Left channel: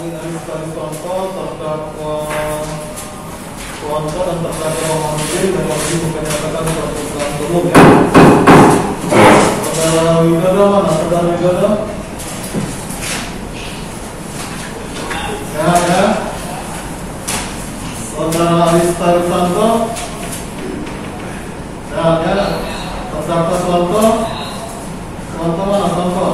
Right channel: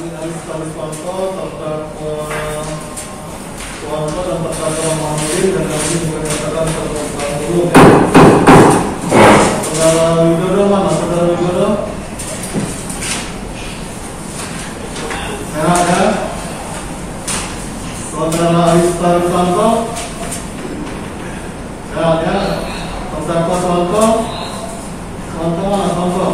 ahli Suwanto, terdakwa Suwanto dan terdakwa Muhammadin dan kami menyatakan perbuatan belum ya. Saudara Widodo mana? Saudara Widodo? Ya. Saudara ahli Suwanto? Ya. Terdakwa Suwanto? Suwanto mana? Suwanto?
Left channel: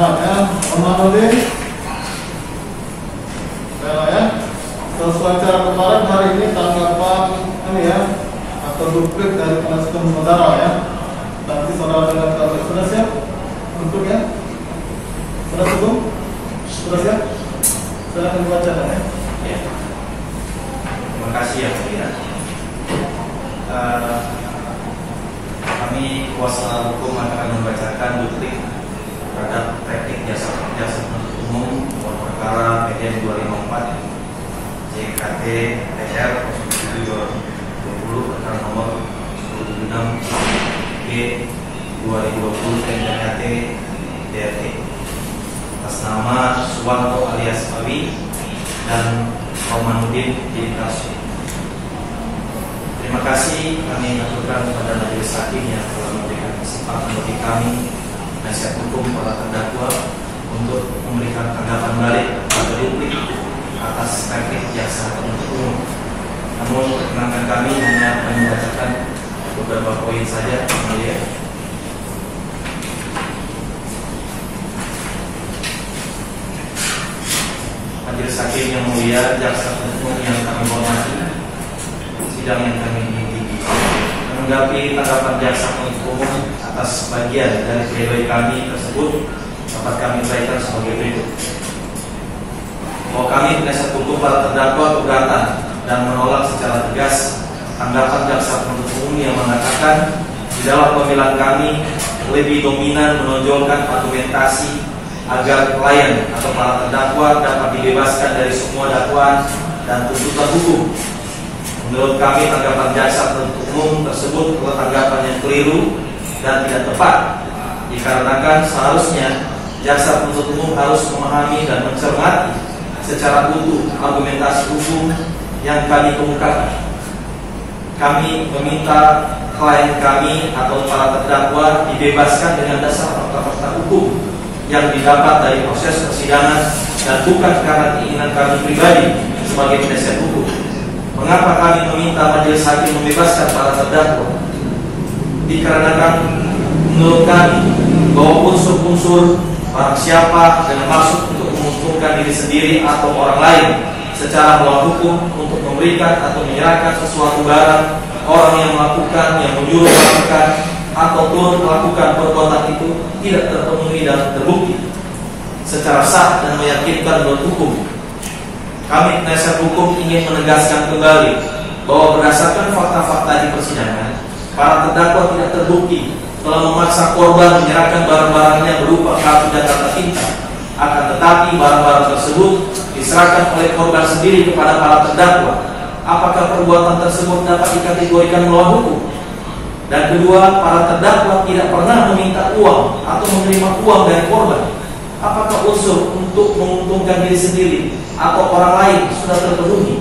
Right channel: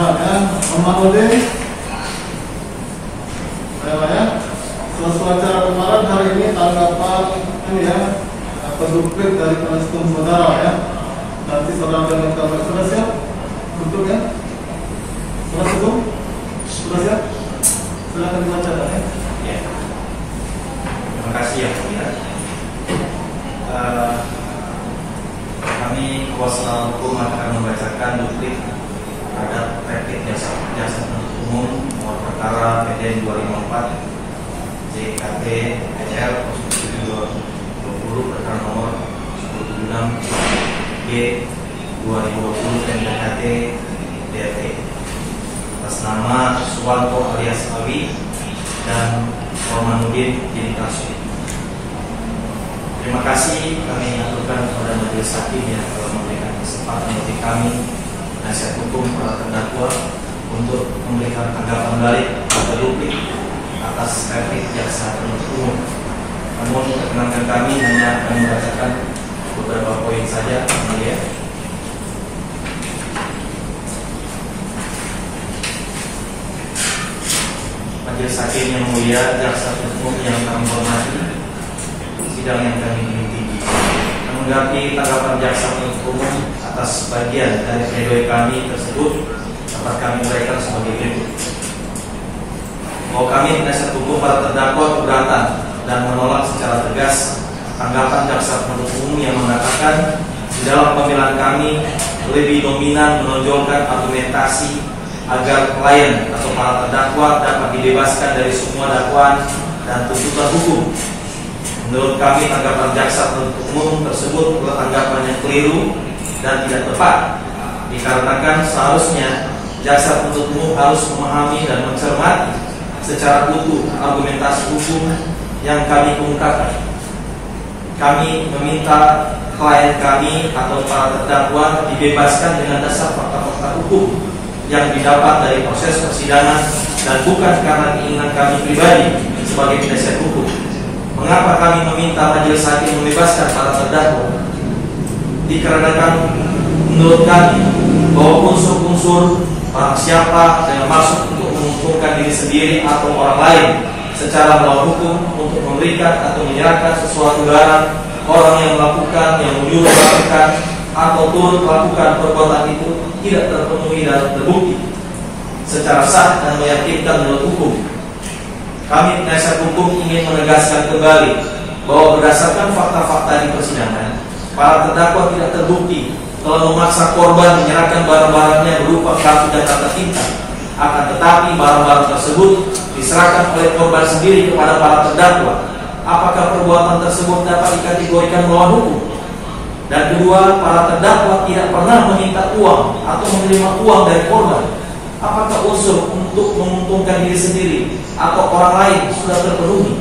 Ya, Muhammadin. Ya. Sesuai acara kemarin, hari ini tanggapan ini ya, atau duplik dari penasihat saudara ya. Nanti saudara dengan kabar. Sudah siap? Duplik ya? Sudah cukup? Sudah siap? Silakan dibacakan ya. Ya. Terima kasih yang mulia. Kami kuasa hukum akan membacakan duplik terhadap replik jaksa penuntut umum nomor perkara PDN 254 JKT PR 07/2020 perkara nomor 176 B 2020 NJKT DRT atas nama Suwanto alias Awi dan Romanudin jadi kasus. Terima kasih kami aturkan kepada majelis hakim yang telah memberikan kesempatan bagi kami penasihat hukum para terdakwa untuk memberikan tanggapan balik pada duplik atas replik jaksa penuntut umum. Namun perkenankan kami hanya akan membacakan beberapa poin saja, ya. Majelis hakim yang mulia, jaksa penuntut umum yang kami hormati, sidang yang kami tinggi. Menanggapi tanggapan jaksa penuntut umum atas bagian dari pledoi kami tersebut dapat kami uraikan sebagai berikut. Bahwa kami penasihat hukum para terdakwa keberatan dan menolak secara tegas tanggapan jaksa penuntut umum yang mengatakan di dalam pembelaan kami lebih dominan menonjolkan argumentasi agar klien atau para terdakwa dapat dibebaskan dari semua dakwaan dan tuntutan hukum. Menurut kami tanggapan jaksa penuntut umum tersebut adalah tanggapan yang keliru dan tidak tepat, dikarenakan seharusnya jaksa penuntut umum harus memahami dan mencermati secara utuh argumentasi hukum yang kami kemukakan. Kami meminta klien kami atau para terdakwa dibebaskan dengan dasar fakta-fakta hukum yang didapat dari proses persidangan dan bukan karena keinginan kami pribadi sebagai penasihat hukum. Mengapa kami meminta majelis hakim membebaskan para terdakwa? Dikarenakan menurut kami bahwa unsur-unsur barang siapa dengan maksud untuk menguntungkan diri sendiri atau orang lain secara melawan hukum untuk memberikan atau menyerahkan sesuatu barang orang yang melakukan, yang menyuruh melakukan atau turut melakukan perbuatan itu tidak terpenuhi dan terbukti secara sah dan meyakinkan menurut hukum. Kami penasihat hukum ingin menegaskan kembali bahwa berdasarkan fakta-fakta di persidangan, para terdakwa tidak terbukti telah memaksa korban menyerahkan barang-barangnya berupa kartu Jakarta Pintar. Akan tetapi barang-barang tersebut diserahkan oleh korban sendiri kepada para terdakwa. Apakah perbuatan tersebut dapat dikategorikan melawan hukum? Dan kedua, para terdakwa tidak pernah meminta uang atau menerima uang dari korban. Apakah unsur untuk menguntungkan diri sendiri atau orang lain sudah terpenuhi?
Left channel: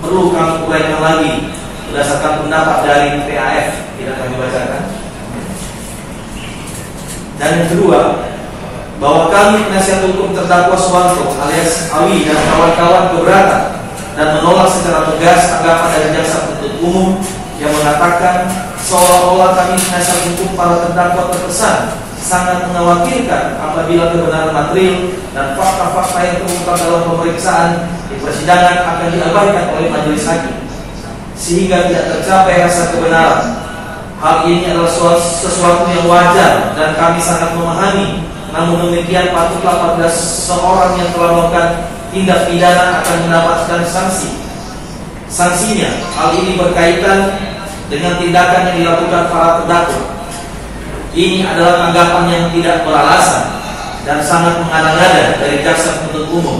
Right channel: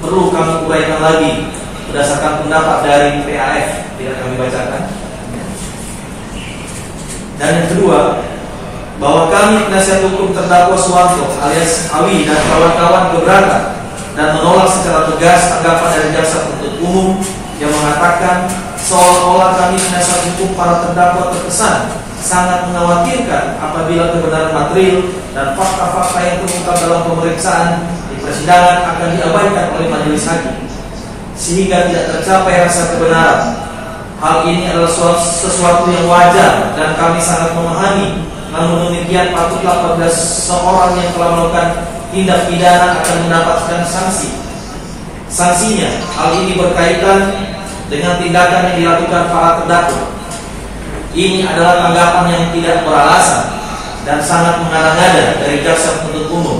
Perlu kami uraikan lagi berdasarkan pendapat dari PAF, tidak kami bacakan. Dan yang kedua, bahwa kami penasihat hukum terdakwa Suwanto alias Awi dan kawan-kawan keberatan dan menolak secara tegas tanggapan dari jaksa penuntut umum yang mengatakan seolah-olah kami penasihat hukum para terdakwa terkesan sangat mengkhawatirkan apabila kebenaran material dan fakta-fakta yang terungkap dalam pemeriksaan di persidangan akan diabaikan oleh majelis hakim sehingga tidak tercapai rasa kebenaran. Hal ini adalah sesuatu yang wajar dan kami sangat memahami. Namun demikian patutlah apabila seseorang yang telah melakukan tindak pidana akan mendapatkan sanksi. Sanksinya, hal ini berkaitan dengan tindakan yang dilakukan para terdakwa. Ini adalah tanggapan yang tidak beralasan dan sangat mengada-ngada dari jaksa penuntut umum.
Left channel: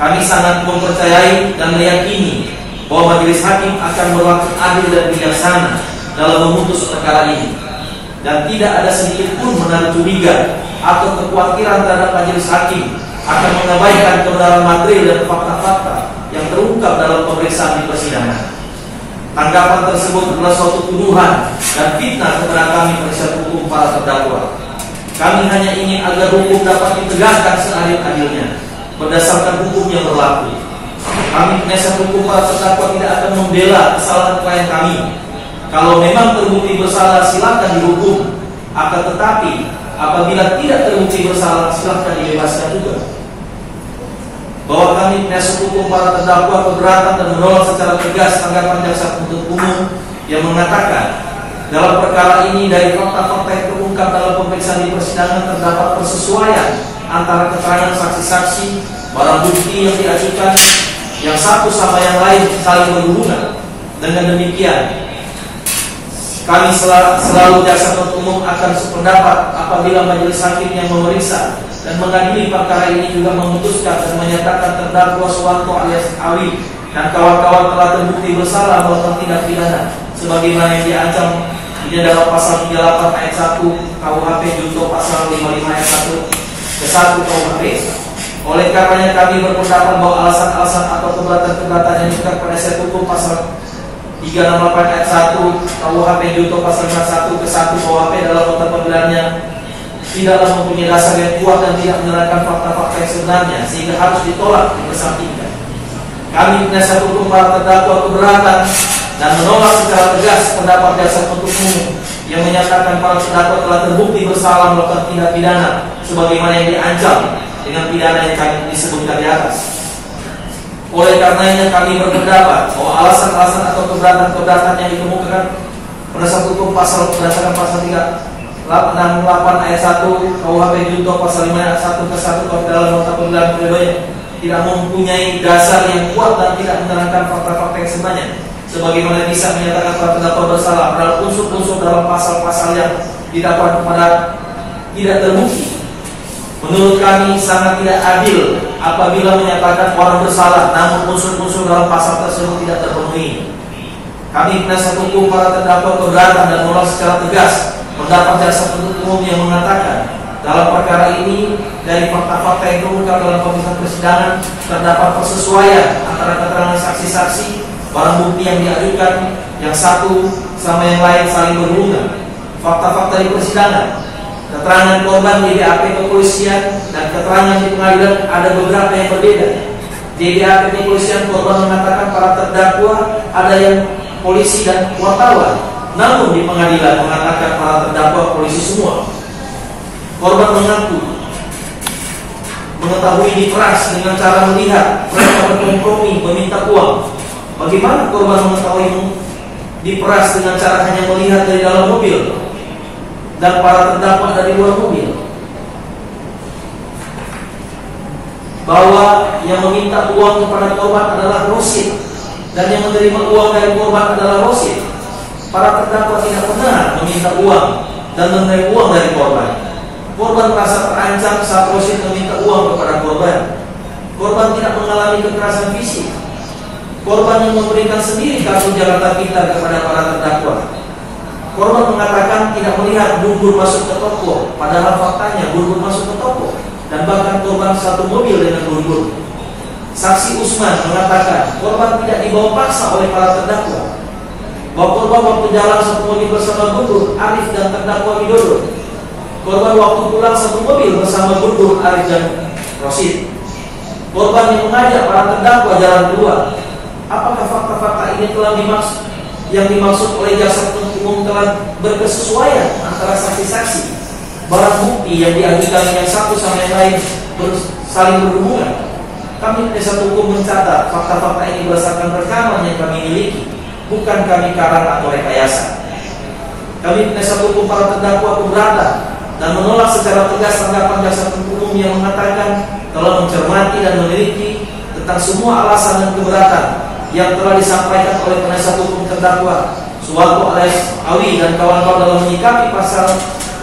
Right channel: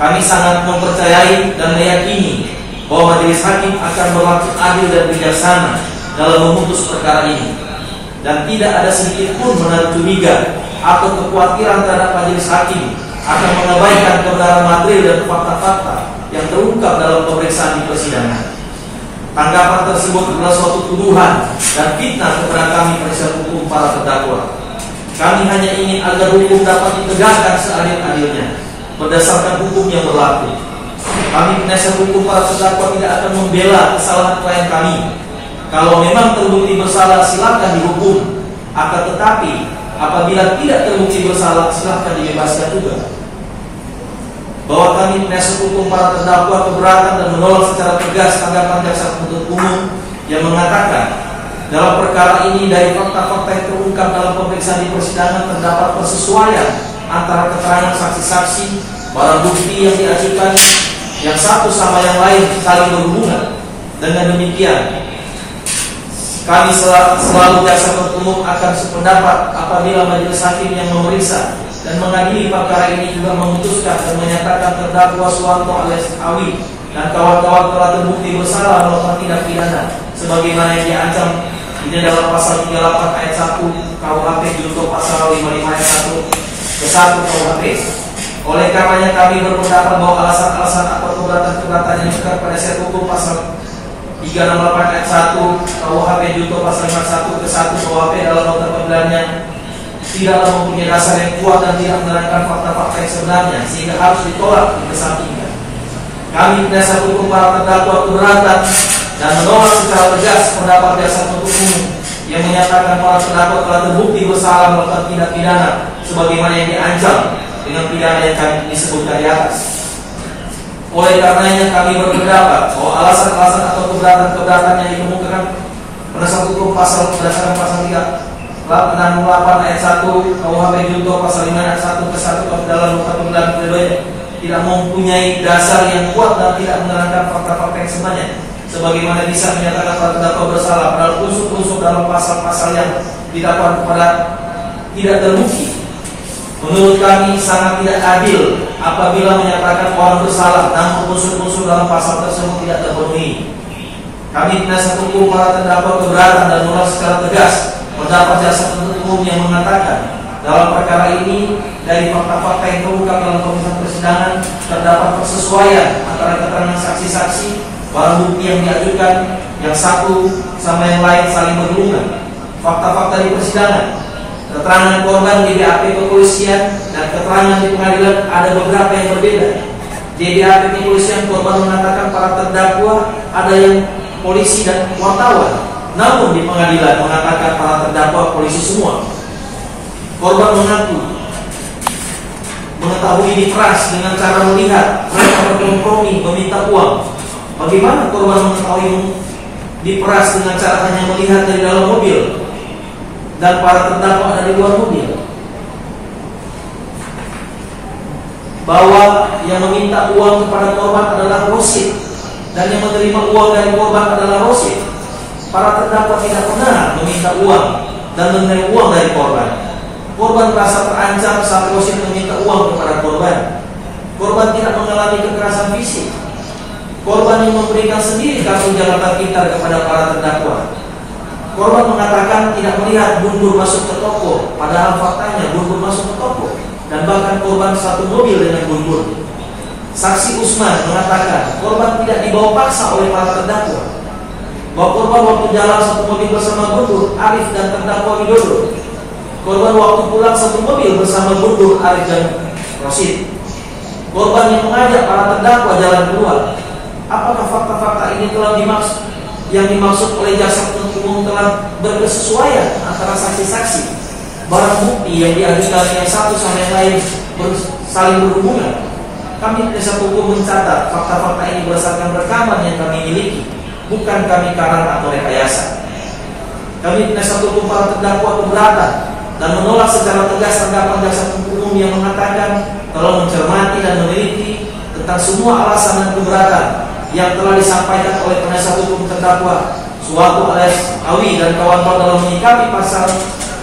Kami sangat mempercayai dan meyakini bahwa majelis hakim akan berlaku adil dan bijaksana dalam memutus perkara ini. dan tidak ada sedikit pun menaruh curiga atau kekhawatiran terhadap majelis hakim akan mengabaikan kebenaran material dan fakta-fakta yang terungkap dalam pemeriksaan di persidangan. Tanggapan tersebut adalah suatu tuduhan dan fitnah kepada kami penasihat hukum para terdakwa. Kami hanya ingin agar hukum dapat ditegakkan seadil-adilnya berdasarkan hukum yang berlaku. Kami penasihat hukum para terdakwa tidak akan membela kesalahan klien kami. Kalau memang terbukti bersalah, silakan dihukum. Akan tetapi apabila tidak terbukti bersalah, silakan dibebaskan juga. Bahwa kami penasihat hukum para terdakwa keberatan dan menolak secara tegas tanggapan jaksa penuntut umum yang mengatakan dalam perkara ini dari fakta-fakta yang terungkap dalam pemeriksaan di persidangan terdapat persesuaian antara keterangan saksi-saksi, barang bukti yang diajukan yang satu sama yang lain saling berhubungan. Dengan demikian, kami selalu jaksa penuntut umum akan sependapat apabila majelis hakim yang memeriksa dan mengadili perkara ini juga memutuskan dan menyatakan terdakwa Suwanto alias Awi dan kawan-kawan telah terbukti bersalah melakukan tindak pidana sebagaimana yang diancam ini dalam pasal 38 ayat 1 KUHP junto pasal 55 ayat 1 ke 1 KUHP. Oleh karenanya kami berpendapat bahwa alasan-alasan atau keberatan-keberatan yang juga penasihat hukum pasal 368 ayat 1 KUHP junto pasal 51 ke 1 KUHP dalam nota pembelaannya tidaklah mempunyai dasar yang kuat dan tidak menerangkan fakta-fakta yang sebenarnya sehingga harus ditolak dipersangkakan. Kami penasihat hukum para terdakwa keberatan dan menolak secara tegas pendapat jaksa penuntut umum yang menyatakan para terdakwa telah terbukti bersalah melakukan tindak pidana sebagaimana yang diancam dengan pidana yang kami disebutkan di atas. Oleh karenanya kami berpendapat bahwa alasan-alasan atau keberatan-keberatan yang dikemukakan penasihat hukum pasal berdasarkan pasal 368 ayat 1 KUHP junto pasal 5 ayat 1 ke 1 KUHP dalam nota pembelahan pledoi tidak mempunyai dasar yang kuat dan tidak menerangkan fakta-fakta yang sebenarnya sebagaimana bisa menyatakan para terdakwa bersalah padahal unsur-unsur dalam pasal-pasal yang didakwakan kepada tidak terbukti. Menurut kami sangat tidak adil apabila menyatakan orang bersalah namun unsur-unsur dalam pasal tersebut tidak terpenuhi. Kami penasihat hukum para terdakwa keberatan dan menolak secara tegas pendapat jaksa penuntut umum yang mengatakan dalam perkara ini dari fakta-fakta yang terungkap dalam pemeriksaan persidangan terdapat persesuaian antara keterangan saksi-saksi, barang bukti yang diajukan yang satu sama yang lain saling berhubungan. Fakta-fakta di persidangan, keterangan korban di BAP kepolisian dan keterangan di pengadilan ada beberapa yang berbeda. Di BAP kepolisian korban mengatakan para terdakwa ada yang polisi dan wartawan, namun di pengadilan mengatakan para terdakwa polisi semua. Korban mengaku mengetahui diperas dengan cara melihat mereka berkompromi meminta uang. Bagaimana korban mengetahui diperas dengan cara hanya melihat dari dalam mobil dan para terdakwa ada di luar mobil? Bahwa yang meminta uang kepada korban adalah Rosid dan yang menerima uang dari korban adalah Rosid. Para terdakwa tidak pernah meminta uang dan menerima uang dari korban. Korban merasa terancam saat Rosid meminta uang kepada korban. Korban tidak mengalami kekerasan fisik. Korban yang memberikan sendiri kartu Jakarta Pintar kepada para terdakwa. Korban mengatakan tidak melihat Bun Bun masuk ke toko, padahal faktanya Bun Bun masuk ke toko dan bahkan korban satu mobil dengan Bun Bun. Saksi Usman mengatakan korban tidak dibawa paksa oleh para terdakwa. Bahwa korban waktu jalan satu mobil bersama Bun Bun, Arif dan terdakwa Widodo. Korban waktu pulang satu mobil bersama Bun Bun, Arif dan Rosid. Korban yang mengajak para terdakwa jalan keluar. Apakah fakta-fakta ini telah dimaksud oleh jaksa penuntut umum telah berkesesuaian antara saksi-saksi, barang bukti yang diajukan yang satu sama yang lain saling berhubungan? Kami penasihat hukum mencatat fakta-fakta ini berdasarkan rekaman yang kami miliki, bukan kami karang atau rekayasa. Kami penasihat hukum para terdakwa keberatan dan menolak secara tegas tanggapan jaksa penuntut umum yang mengatakan telah mencermati dan meneliti tentang semua alasan dan keberatan yang telah disampaikan oleh penasihat hukum terdakwa Suwanto alias Awi dan kawan-kawan dalam menyikapi pasal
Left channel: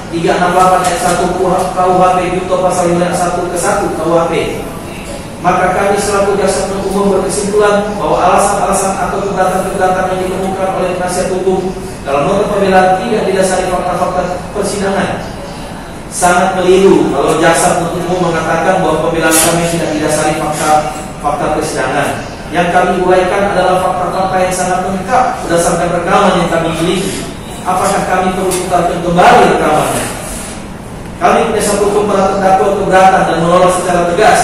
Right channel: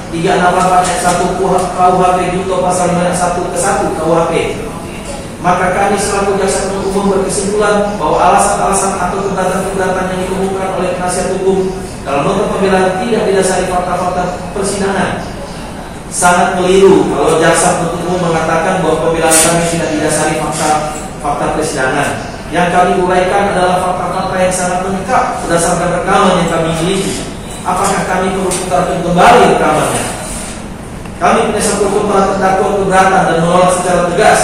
368 ayat 1 KUHP junto pasal 5 ayat 1 ke 1 KUHP. maka kami selaku jaksa penuntut umum berkesimpulan bahwa alasan-alasan atau keberatan-keberatan yang dikemukakan oleh penasihat hukum dalam nota pembelaan tidak didasari fakta-fakta persidangan. Sangat keliru kalau jaksa penuntut umum mengatakan bahwa pembelaan kami tidak didasari fakta persidangan. Yang kami uraikan adalah fakta-fakta yang sangat lengkap berdasarkan rekaman yang kami miliki. Apakah kami perlu putarkan kembali rekamannya? Kami penasihat hukum para terdakwa keberatan dan menolak secara tegas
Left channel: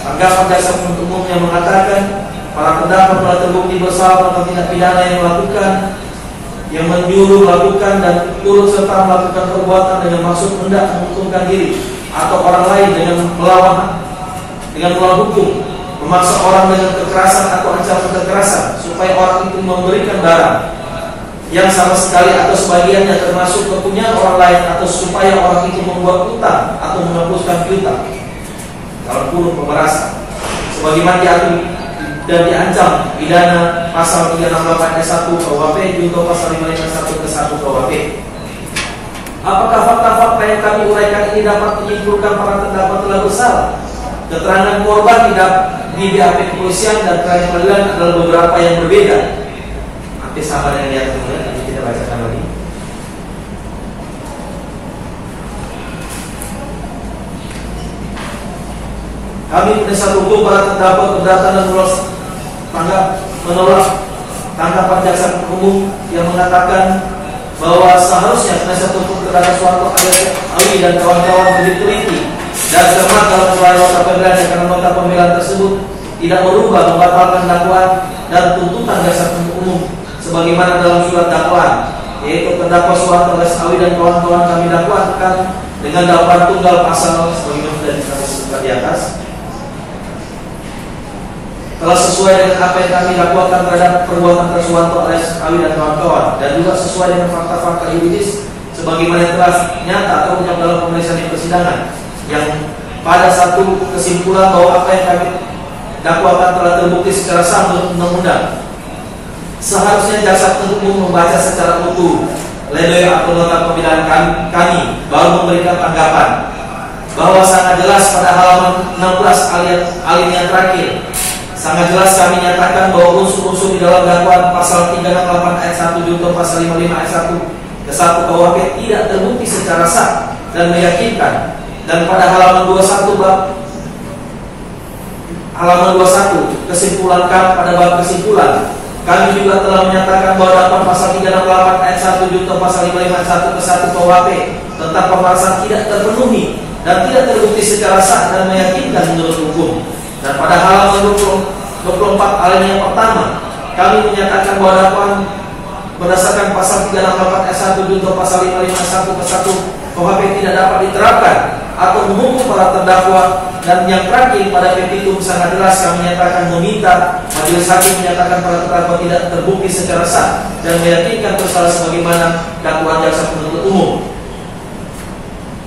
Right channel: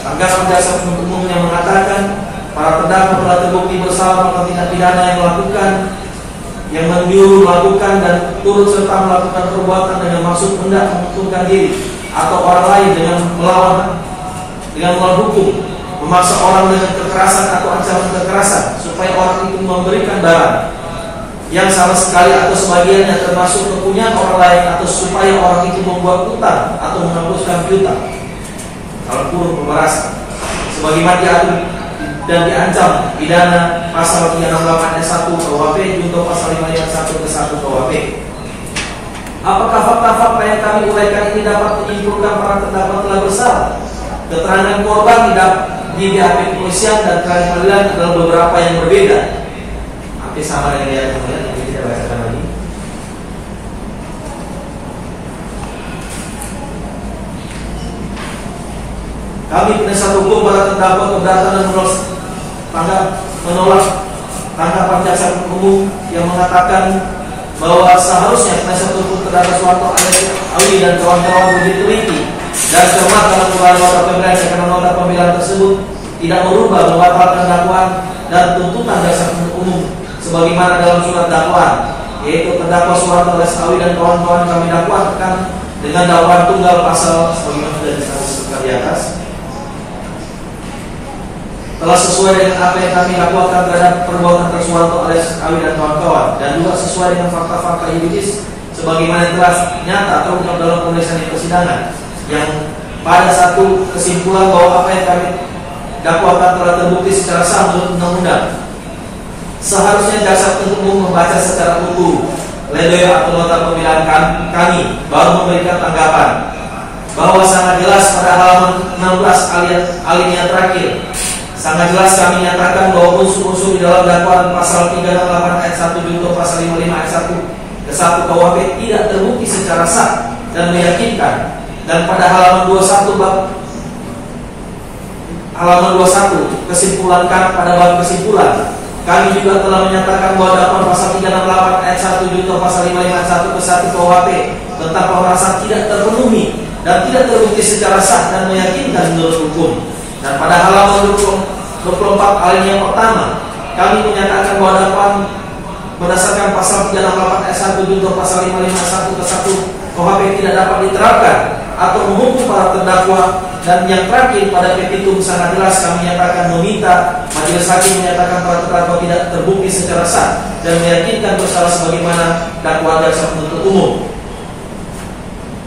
tanggapan jaksa penuntut umum yang mengatakan para terdakwa telah terbukti bersalah atas tindak pidana yang menyuruh melakukan dan turut serta melakukan perbuatan dengan maksud hendak menguntungkan diri atau orang lain dengan melawan hukum, memaksa orang dengan kekerasan atau ancaman kekerasan supaya orang itu memberikan barang yang sama sekali atau sebagiannya termasuk kepunyaan orang lain atau supaya orang itu membuat utang atau menghapuskan piutang. Dalam kurung pemerasan sebagaimana diatur dan diancam pidana pasal 368 ayat 1 KUHP junto pasal 551 ke 1 KUHP. Apakah fakta-fakta yang kami uraikan ini dapat menyimpulkan para terdakwa telah bersalah? Keterangan korban di BAP kepolisian dan keterangan pengadilan adalah beberapa yang berbeda. Nanti sama dengan yang kemudian nanti kita bacakan lagi. Kami penasihat hukum para terdakwa keberatan dan menolak tanggapan jaksa umum yang mengatakan bahwa seharusnya penasihat hukum terdakwa Suharto alias Awi dan kawan-kawan lebih teliti dan cermat dalam uraian nota pembelaan karena nota pembelaan tersebut tidak merubah membatalkan dakwaan dan tuntutan jaksa penuntut umum sebagaimana dalam surat dakwaan, yaitu terdakwa Suharto alias Awi dan kawan-kawan kami dakwakan dengan dakwaan tunggal pasal sebagaimana sudah disebutkan di atas. Telah sesuai dengan apa yang kami lakukan terhadap perbuatan Suharto alias Awi dan kawan-kawan dan juga sesuai dengan fakta-fakta yuridis sebagaimana telah nyata terungkap dalam pemeriksaan di persidangan yang pada satu kesimpulan bahwa apa yang kami dakwakan telah terbukti secara sah menurut undang-undang. Seharusnya jaksa penuntut umum membaca secara utuh pledoi atau nota pembelaan kami baru memberikan tanggapan bahwa sangat jelas pada halaman 16 alinea terakhir. Sangat jelas kami nyatakan bahwa unsur-unsur di dalam dakwaan pasal 368 ayat 1 junto pasal 55 ayat 1 ke 1 KUHP tidak terbukti secara sah dan meyakinkan. Dan pada halaman 21 kesimpulan pada bab kesimpulan kami juga telah menyatakan bahwa dakwaan pasal 368 ayat 1 junto pasal 55 ayat 1 ke 1 KUHP tentang pemerasan tidak terpenuhi dan tidak terbukti secara sah dan meyakinkan menurut hukum. Dan pada halaman 24 alinea pertama kami menyatakan bahwa dakwaan berdasarkan pasal 368 ayat 1 junto pasal 55 ayat 1 ke 1 KUHP tidak dapat diterapkan atau menghukum para terdakwa. Dan yang terakhir pada petitum sangat jelas kami nyatakan meminta majelis hakim menyatakan para terdakwa tidak terbukti secara sah dan meyakinkan bersalah sebagaimana dakwaan jaksa penuntut umum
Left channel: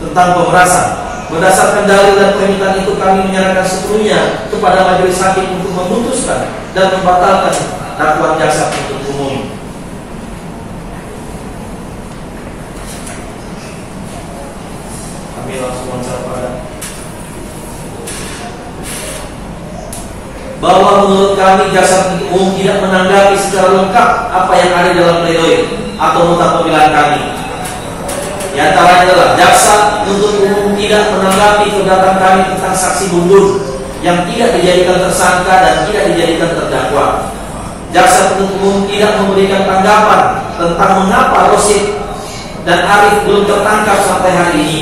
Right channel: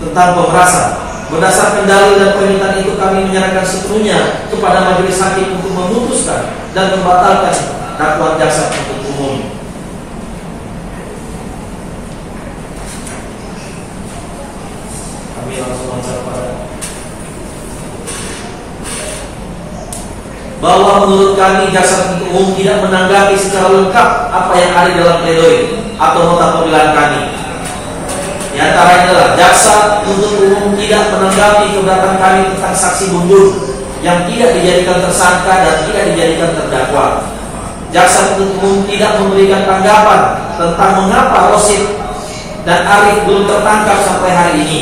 tentang pemerasan. Berdasarkan dalil dan permintaan itu kami menyerahkan sepenuhnya kepada majelis hakim untuk memutuskan dan membatalkan dakwaan jaksa penuntut umum. Kami langsung mencapai bahwa menurut kami jaksa penuntut umum tidak menanggapi secara lengkap apa yang ada dalam pledoi atau nota pembelaan kami. Di antaranya adalah jaksa penuntut umum tidak menanggapi keberatan kami tentang saksi Bun yang tidak dijadikan tersangka dan tidak dijadikan terdakwa. Jaksa penuntut umum tidak memberikan tanggapan tentang mengapa Rosid dan Arif belum tertangkap sampai hari ini.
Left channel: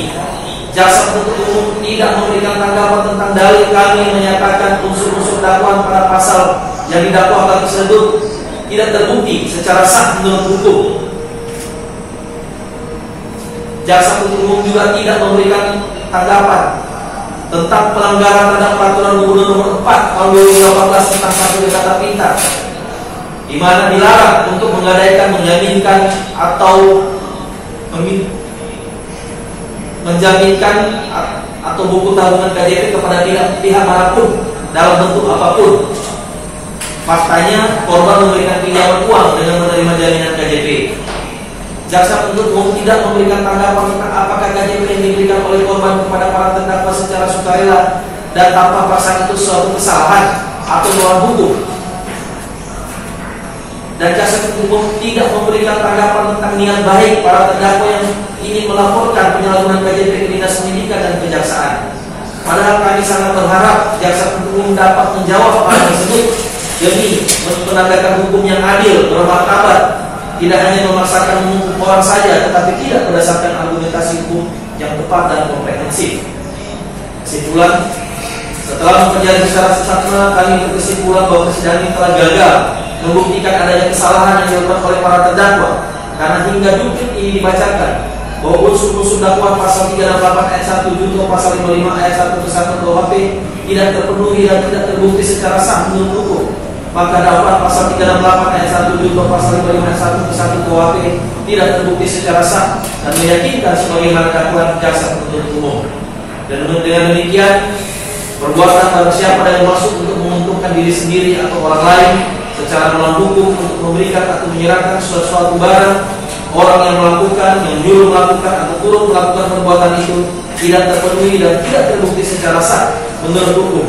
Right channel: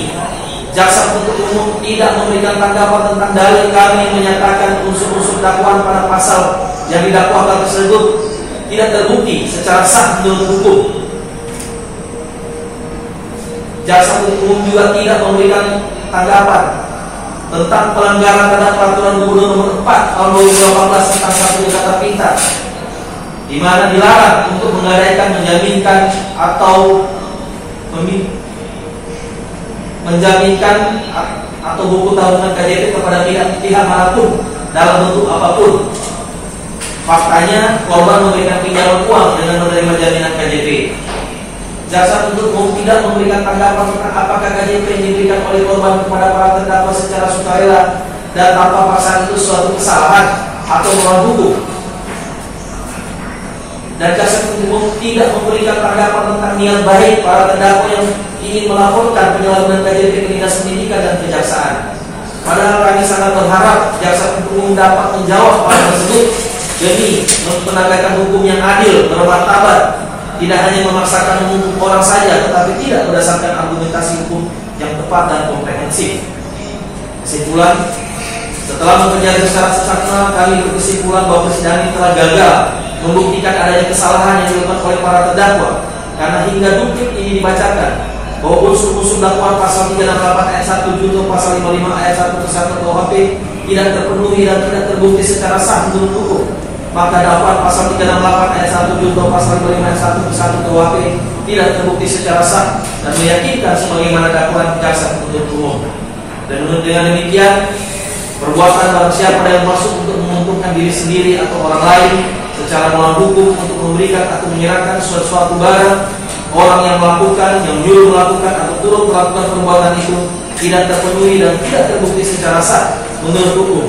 Jaksa penuntut umum tidak memberikan tanggapan tentang dalil kami menyatakan unsur-unsur dakwaan pada pasal yang didakwakan tersebut tidak terbukti secara sah menurut hukum. Jaksa penuntut umum juga tidak memberikan tanggapan tentang pelanggaran terhadap peraturan gubernur nomor 4 tahun 2018 tentang satu kata pintar, di mana dilarang untuk menggadaikan, menjaminkan atau menjaminkan atau buku tabungan KJP kepada pihak manapun dalam bentuk apapun. Faktanya korban memberikan pinjaman uang dengan menerima jaminan KJP. Jaksa penuntut umum tidak memberikan tanggapan tentang apakah KJP yang diberikan oleh korban kepada para terdakwa secara sukarela dan tanpa perasaan itu suatu kesalahan atau melawan hukum. Dan jaksa penuntut umum tidak memberikan tanggapan tentang niat baik para terdakwa yang ingin melaporkan penyalahgunaan KJP ke Dinas Pendidikan dan Kejaksaan. Padahal kami sangat berharap jaksa penuntut umum dapat menjawab hal tersebut demi menegakkan hukum yang adil, bermartabat, tidak hanya memaksakan menghukum orang saja, tetapi tidak berdasarkan argumentasi hukum yang tepat dan komprehensif. Kesimpulan, setelah mempelajari secara seksama, kami berkesimpulan bahwa persidangan ini telah gagal membuktikan adanya kesalahan yang dilakukan oleh para terdakwa, karena hingga duplik ini dibacakan bahwa unsur-unsur dakwaan pasal 368 ayat 1 junto pasal 55 ayat 1 ke 1 KUHP tidak terpenuhi dan tidak terbukti secara sah menurut hukum. Maka dakwaan pasal 368 ayat 1 junto pasal 55 ayat 1 ke 1 KUHP tidak terbukti secara sah dan meyakinkan sebagaimana dakwaan jaksa penuntut umum. Dan dengan demikian, perbuatan barang siapa yang masuk untuk menguntungkan diri sendiri atau orang lain secara melawan hukum untuk memberikan atau menyerahkan suatu barang, orang yang melakukan, yang menyuruh melakukan atau turut melakukan perbuatan itu tidak terpenuhi dan tidak terbukti secara sah menurut hukum.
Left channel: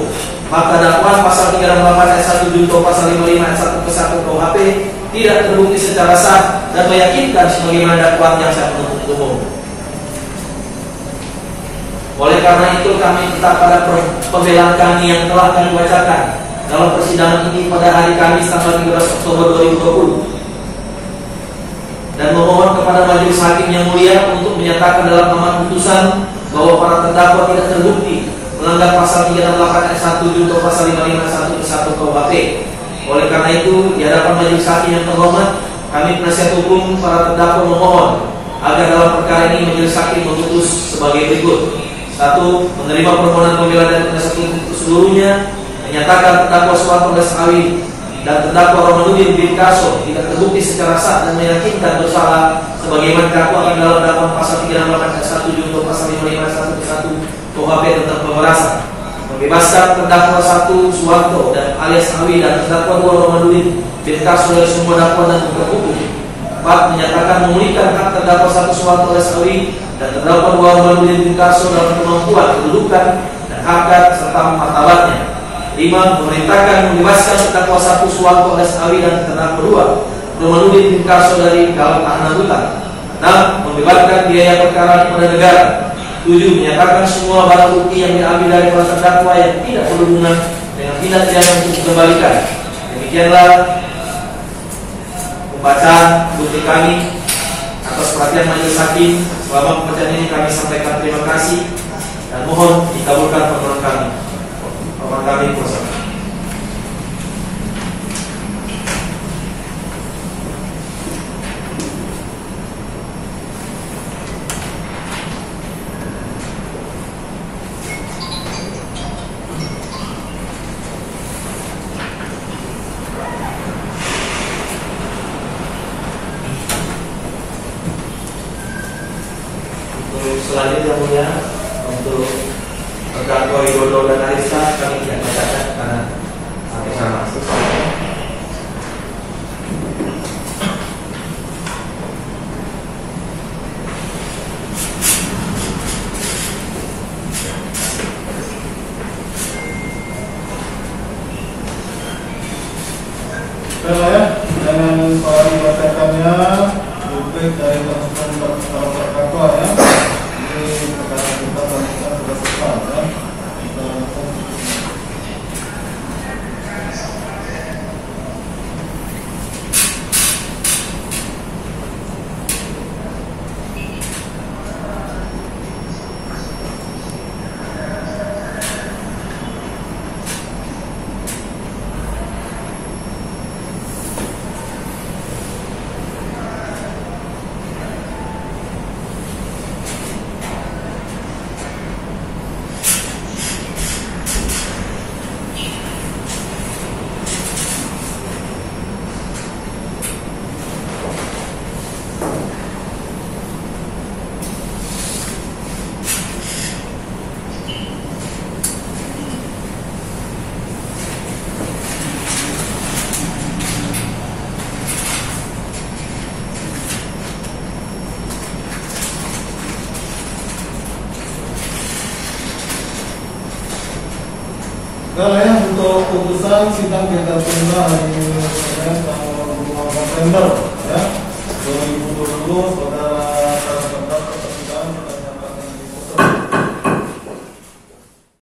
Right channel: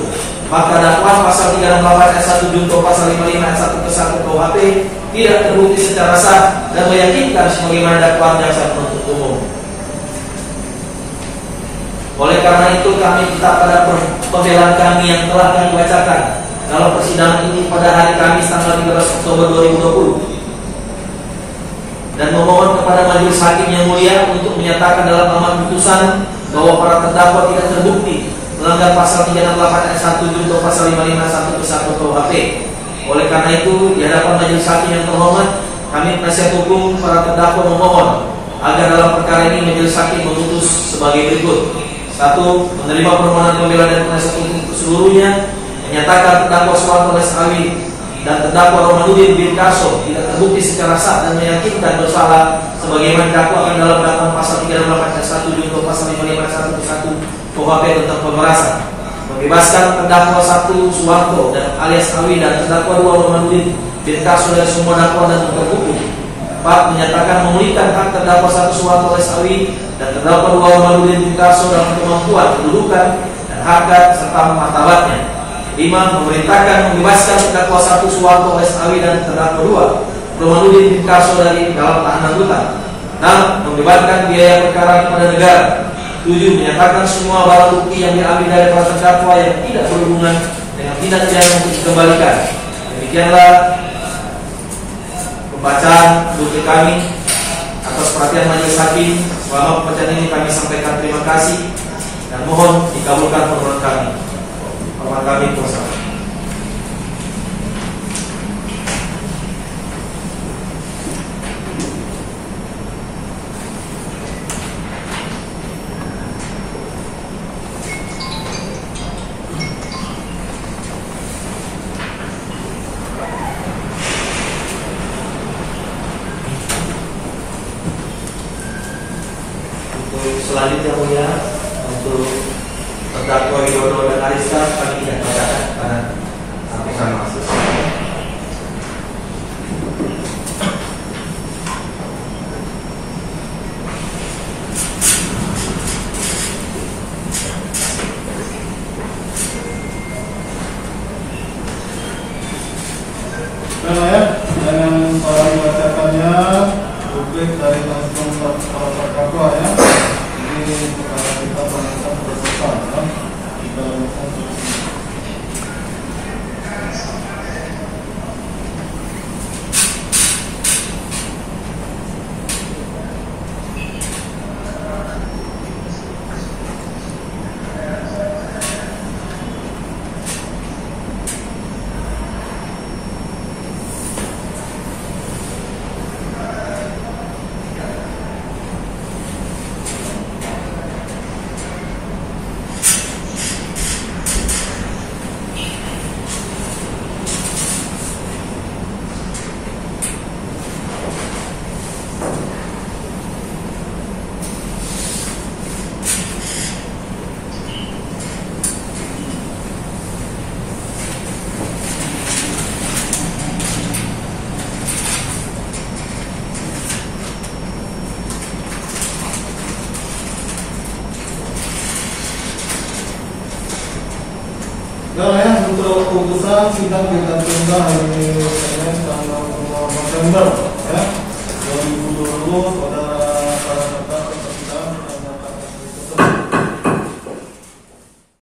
Maka dakwaan pasal 368 ayat 1 junto pasal 55 ayat 1 ke 1 KUHP tidak terbukti secara sah dan meyakinkan sebagaimana dakwaan jaksa penuntut umum. Oleh karena itu kami tetap pada pembelaan kami yang telah kami bacakan dalam persidangan ini pada hari Kamis tanggal 13 Oktober 2020 dan memohon kepada majelis hakim yang mulia untuk menyatakan dalam amar putusan bahwa para terdakwa tidak terbukti melanggar pasal 368 ayat 1 junto pasal 55 ayat 1 ke 1 KUHP. Oleh karena itu, di hadapan majelis hakim yang terhormat, kami penasihat hukum para terdakwa memohon agar dalam perkara ini majelis hakim memutus sebagai berikut. 1. Menerima permohonan pembela dan penasihat hukum seluruhnya, menyatakan terdakwa Suwanto Lesawi dan terdakwa Romanuddin bin Karso tidak terbukti secara sah dan meyakinkan bersalah sebagaimana dakwakan dalam dakwaan pasal 368 ayat 1 junto pasal 55 ayat 1 ke 1 KUHP tentang pemerasan, membebaskan terdakwa 1 Suwanto dan alias Awi dan terdakwa 2 Romanuddin bin Karso dari semua dakwaan dan hukum. 4. Menyatakan memulihkan hak terdakwa 1 Suwanto alias Awi dan terdakwa 2 Romanuddin bin Karso dalam kemampuan, kedudukan dan harkat serta martabatnya. 5. Memerintahkan membebaskan terdakwa 1 Suwanto alias Awi dan terdakwa 2 Romanuddin bin Karso dari dalam tahanan rutan. 6. Membebaskan biaya perkara kepada negara. 7. Menyatakan semua barang bukti yang diambil dari para terdakwa yang tidak berhubungan dengan tindak pidana untuk dikembalikan. Demikianlah pembacaan bukti kami. Atas perhatian majelis hakim, selama pembacaan ini kami sampaikan terima kasih dan mohon dikabulkan permohonan kami. Permohonan kami kuasa. Selanjutnya mulia untuk terdakwa Widodo dan Arista kami tidak bacakan karena hakim sama. Dengan dibacakannya publik dari para terdakwa ya. Ini perkara kita lanjutkan sudah selesai ya. Kita lanjutkan. Kalau ya untuk putusan sidang kita tunda hari ini tanggal 5 November ya 2020